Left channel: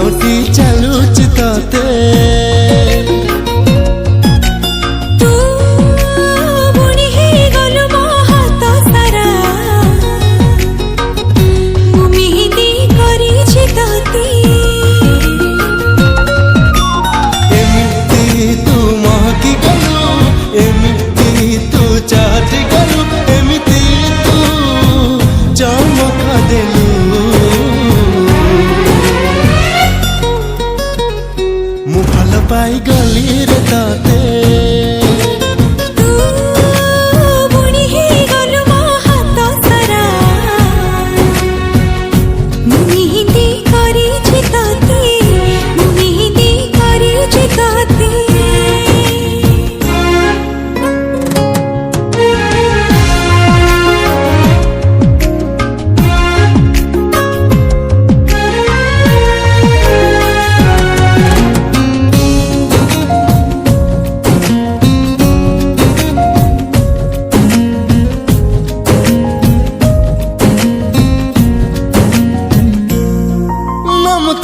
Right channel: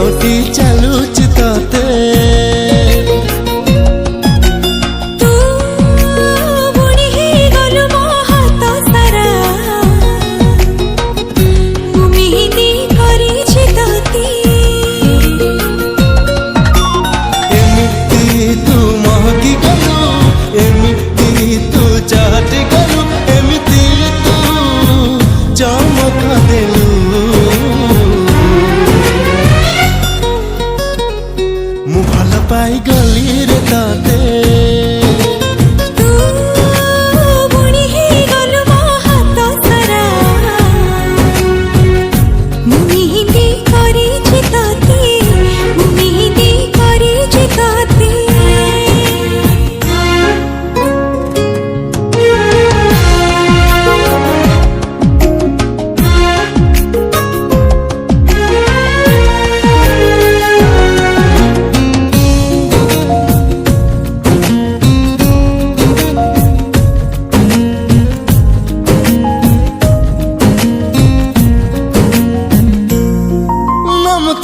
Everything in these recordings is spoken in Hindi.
साउटी चलुच तते तू बुणी हे गलु मो हाथ सारा मु मेहंदी करिछि तते एमिति तू महकी गलु एमिति तू चाहती गलु एमिति तू चमका देलु मु भल पाई गली रे ताते तू बुणी हे गलु मो हाथ सारा मु मेहंदी करिछि तते मु मेहंदी करिछि तते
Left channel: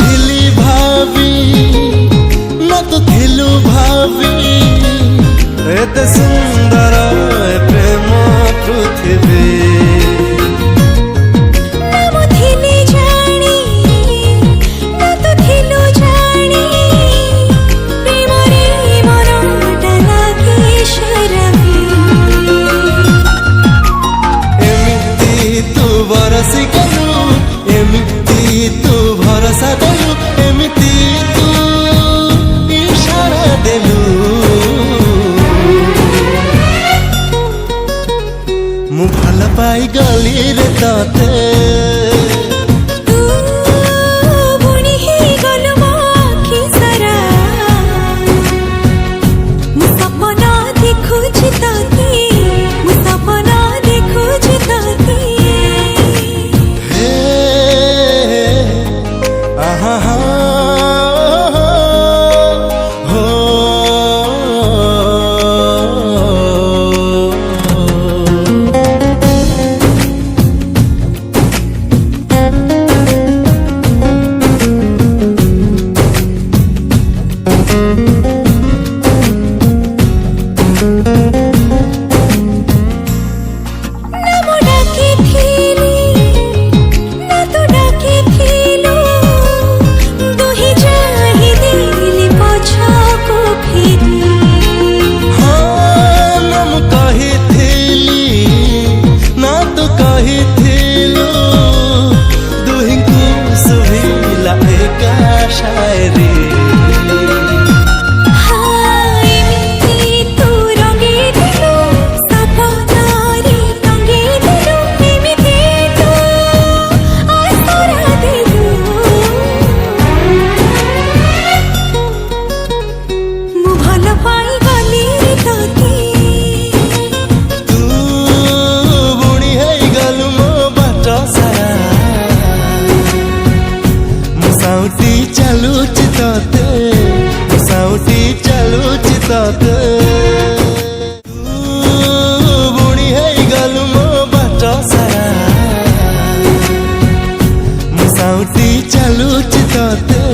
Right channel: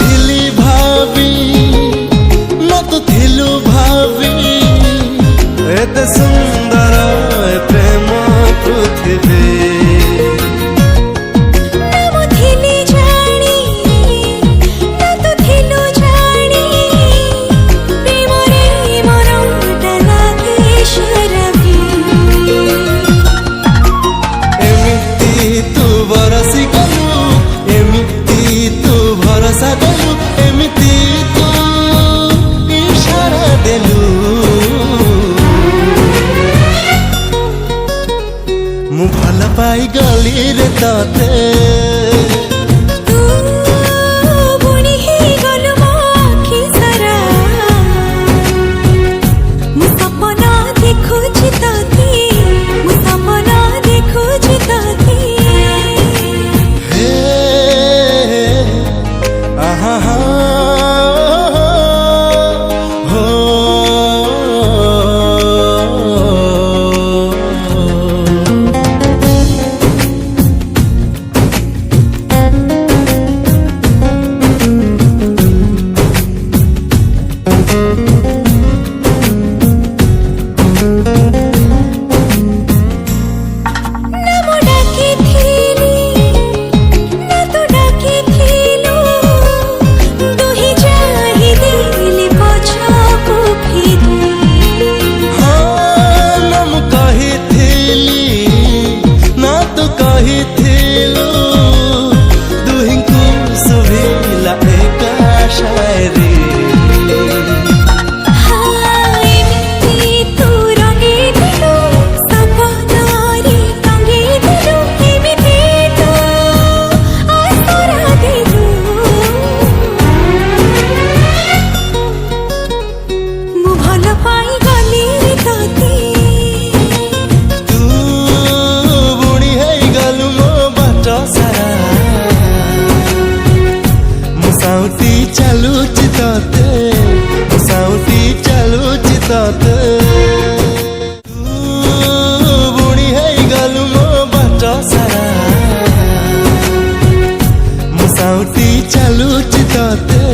थिली भाभी न तो थिलु भाभी एते सुंदर प्रेम पृथ्वी नाम थिली जानी न तो थिलु जानी प्रेम रे मनटा लागे शरभी एमिति तू बरसी गलु एमिति तू भरोसा देलु एमिति तू इशारा देलु मु भल पाई गली रे ताते तू बुणी हे गलु मो आखि सारा मु सपना देखुछि तते मु सपना देखुछि तते हे आहा हा हो नाम डाकिथिली ना तो डाकिथिलु दुहि जाहि दिली पछाको फेरी हाँ नम कहिथिली ना तो कहिथिलु दुहिंकु सुभिला एका शायरी हाँ एमिति तू रंगे दिलु सपनारे रंगे दिलु एमिति तू आसरा दिलु मु भल पाई गली रे तते तू बुणी है गलु मो बाट सारा मु साउटी चलुच तते मु साउटी चलुच तते तू बुणी है गलु मो बाट सारा मु साउटी चलुच तते